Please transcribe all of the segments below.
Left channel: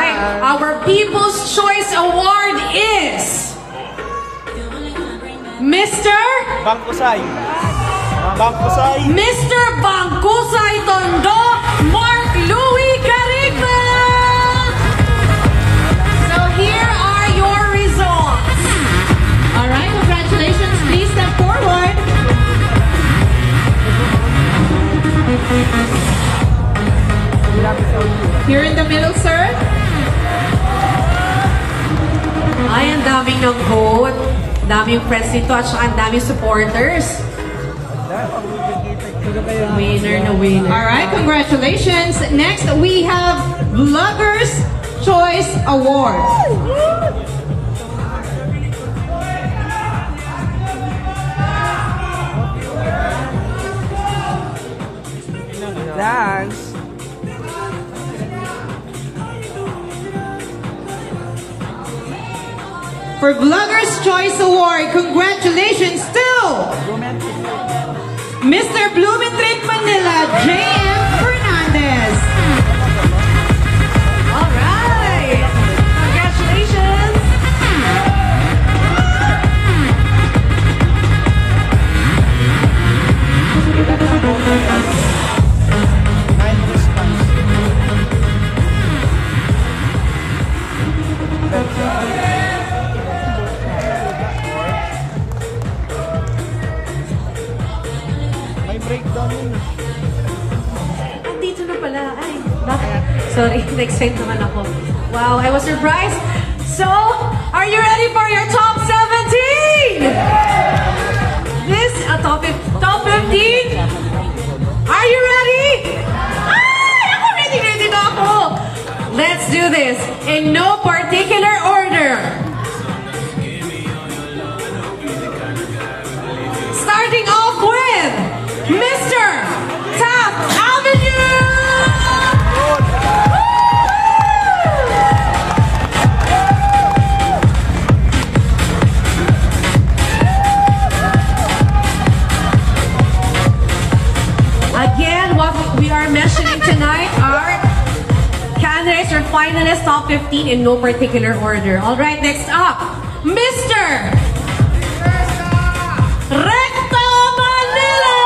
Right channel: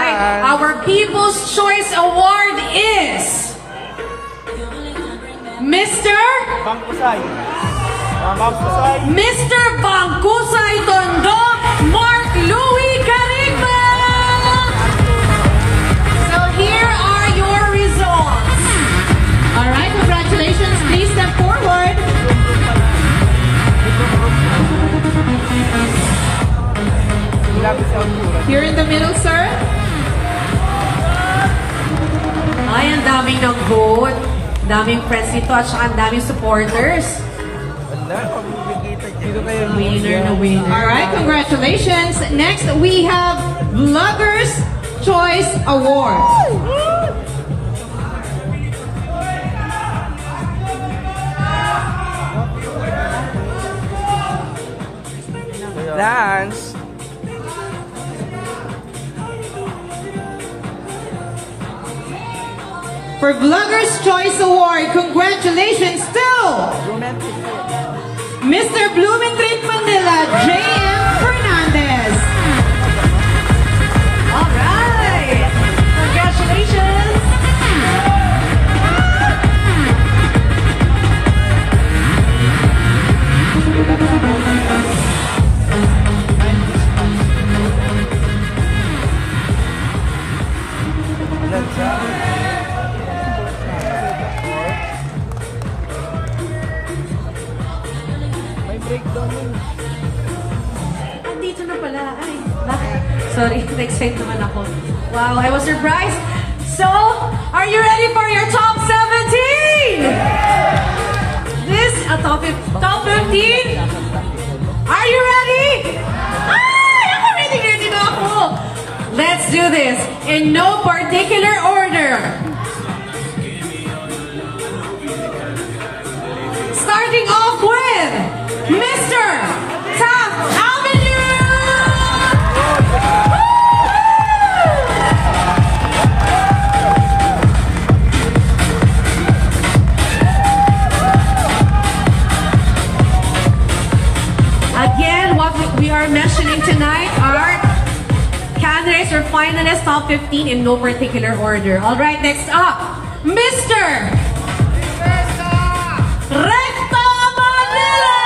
right. Our People's Choice Award is Mr. Bangkusay. Mr. Bangkusay Tondo, Mark Louis Carigma. So here are your results. All right, congratulations. Please step forward. Here in the middle, sir. Ay, ang daming ng vote. Daming friends dito at saka ang daming supporters. Winner na winner. Alright, congratulations. Next, we have Vloggers Choice Award. Dance. For Vloggers Choice Award, congratulations to Mr. Blumentritt Manila, J.M. Fernandez. All right. Congratulations. Dito na pala. Ay, bakit? Sorry, na-excite naman ako. Wow, I was surprised. So, are you ready for your top 17? This, top 15? Are you ready? Ay, ako ready na ako. Let's do this in no particular order. Starting off with Mr. Taft Avenue! Again, what we are mentioning tonight are candidates or finalists top 15 in no particular order. All right, next up, Mr. Recto Manila!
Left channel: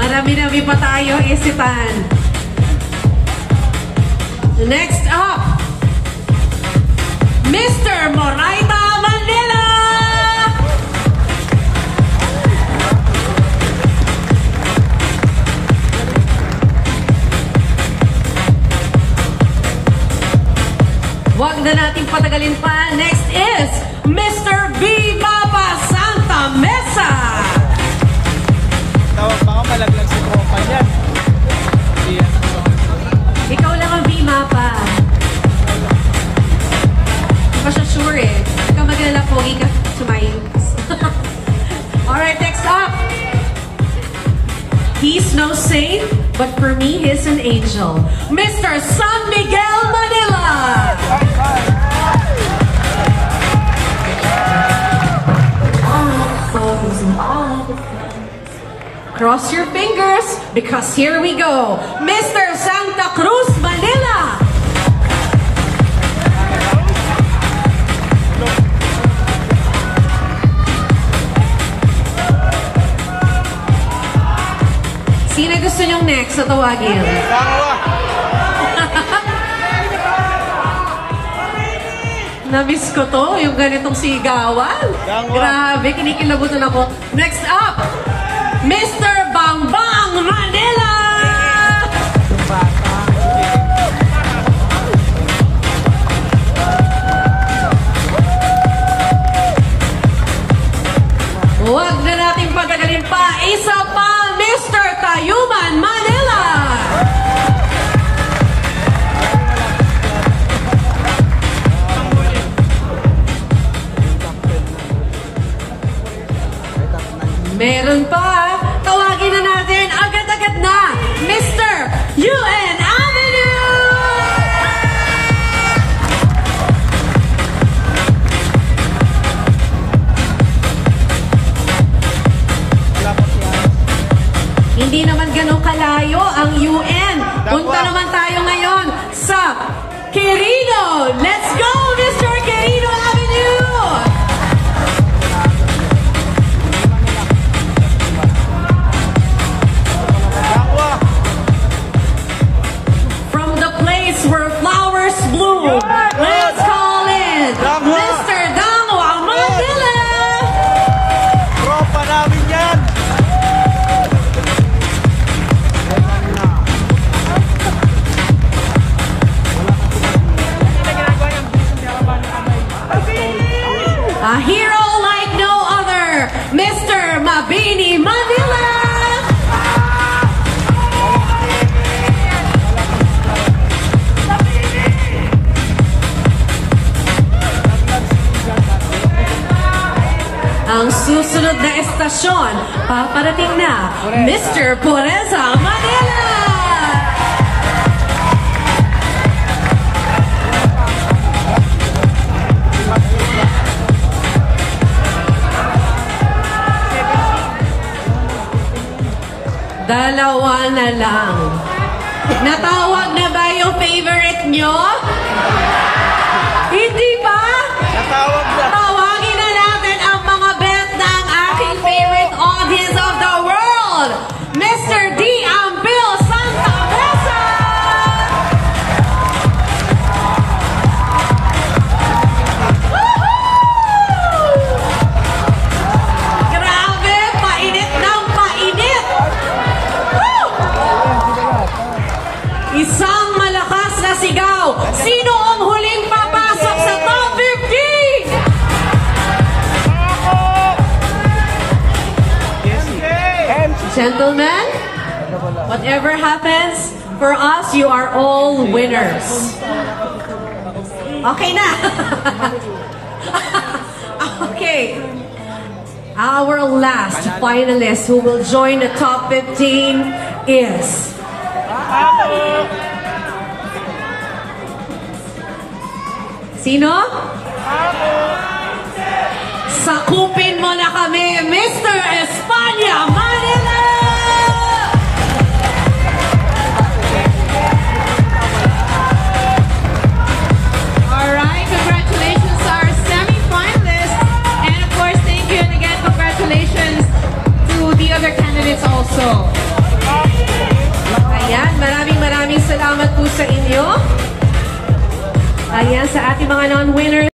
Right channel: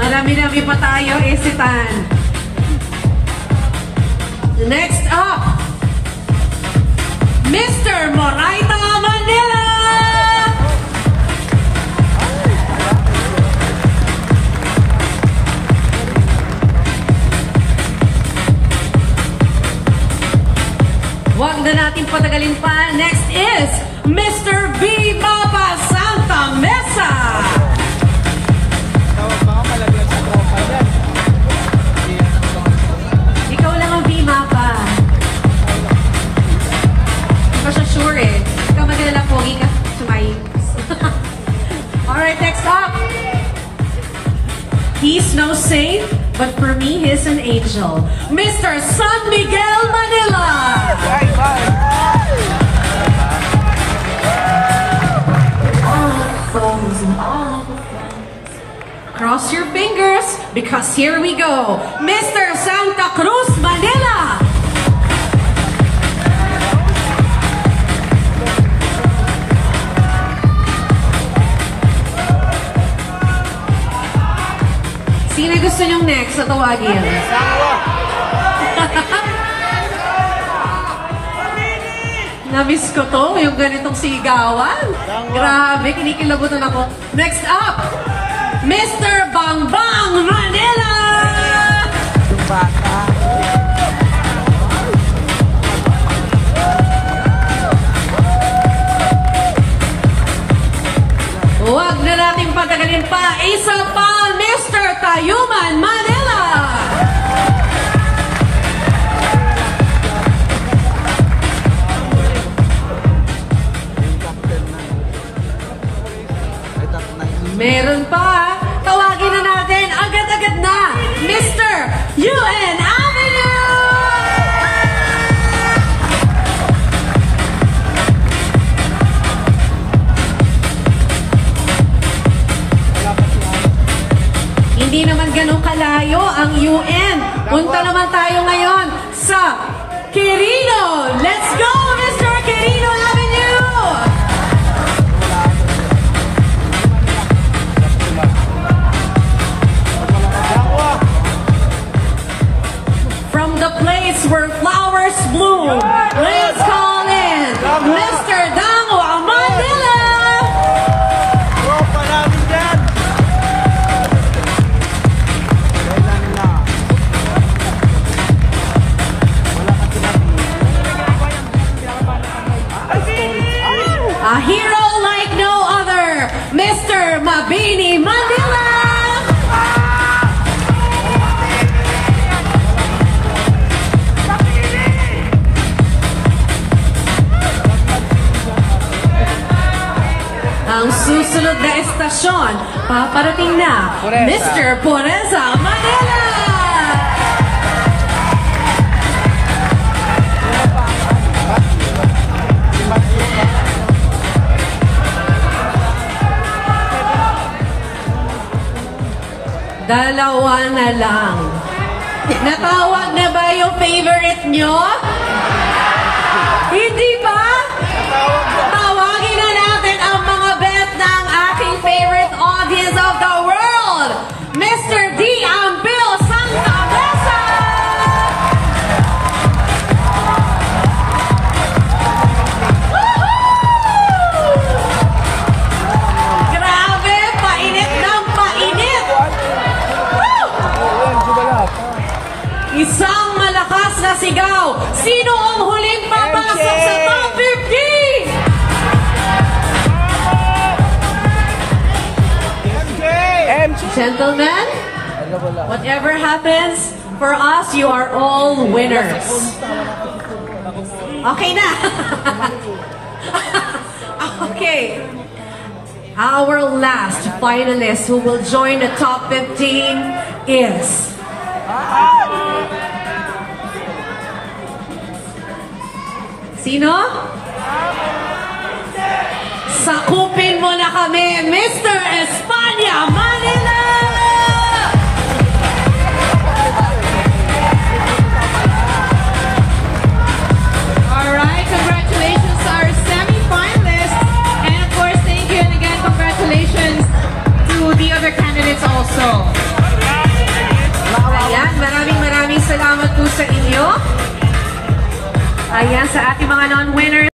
Marami-rami pa tayo isipan. Next up, Mr. Moraita Manila! Huwag na natin patagalin pa. Next is Mr. B. Baba Santa Mesa! Baka malagyan sa tropa yan. Ikaw lang ang B. Mapa. Hindi pa siya sure eh. Ikaw magdala po. Ika sumayin. Alright, next up. He's no saint, but for me, he's an angel. Mr. San Miguel Manila! Cross your fingers, because here we go. Mr. Santa Cruz Manila! Sino gusto niyong next sa tawagin? Namiss ko to, yung ganitong sigawan. Grabe, kinikilabutan ako. Next up, Mr. Bang Bang Manila! Huwag na natin patagalin pa. Isa pa, Mr. Tayuman Manila! Meron pa. Tawagin na natin agad-agad na. Mr. UN Avenue! Punta naman tayo ngayon sa Quirino. Let's go, Mr. Quirino Avenue! From the place where flowers bloom, let's call in Mr. Dangwa Manila! Tropa namin yan. A hero like no other, Mr. Mabini Manila! Ang susunod na estasyon, paparating na, Mr. Pureza Manila! Dalawa na lang. Natawag na ba yung favorite nyo? Hindi ba? Tawagin na natin ang mga bet ng aking favorite audience of the world, Mr. D. Ambil Santa Mesa! Grabe, painit ng painit! Isang malakas na sigaw. Sino ang huling papasok sa top 15? Gentlemen, whatever happens, for us, you are all winners. Okay na. Okay. Our last finalist who will join the top 15 is... Sino? Sakupin mo na kami, Mr. Espanya Manila! Alright, congratulations to our semi-finalists. And of course, thank you and again, congratulations to the other candidates also. Ayan, maraming salamat po sa inyo. Ayan, sa ating mga non-winners.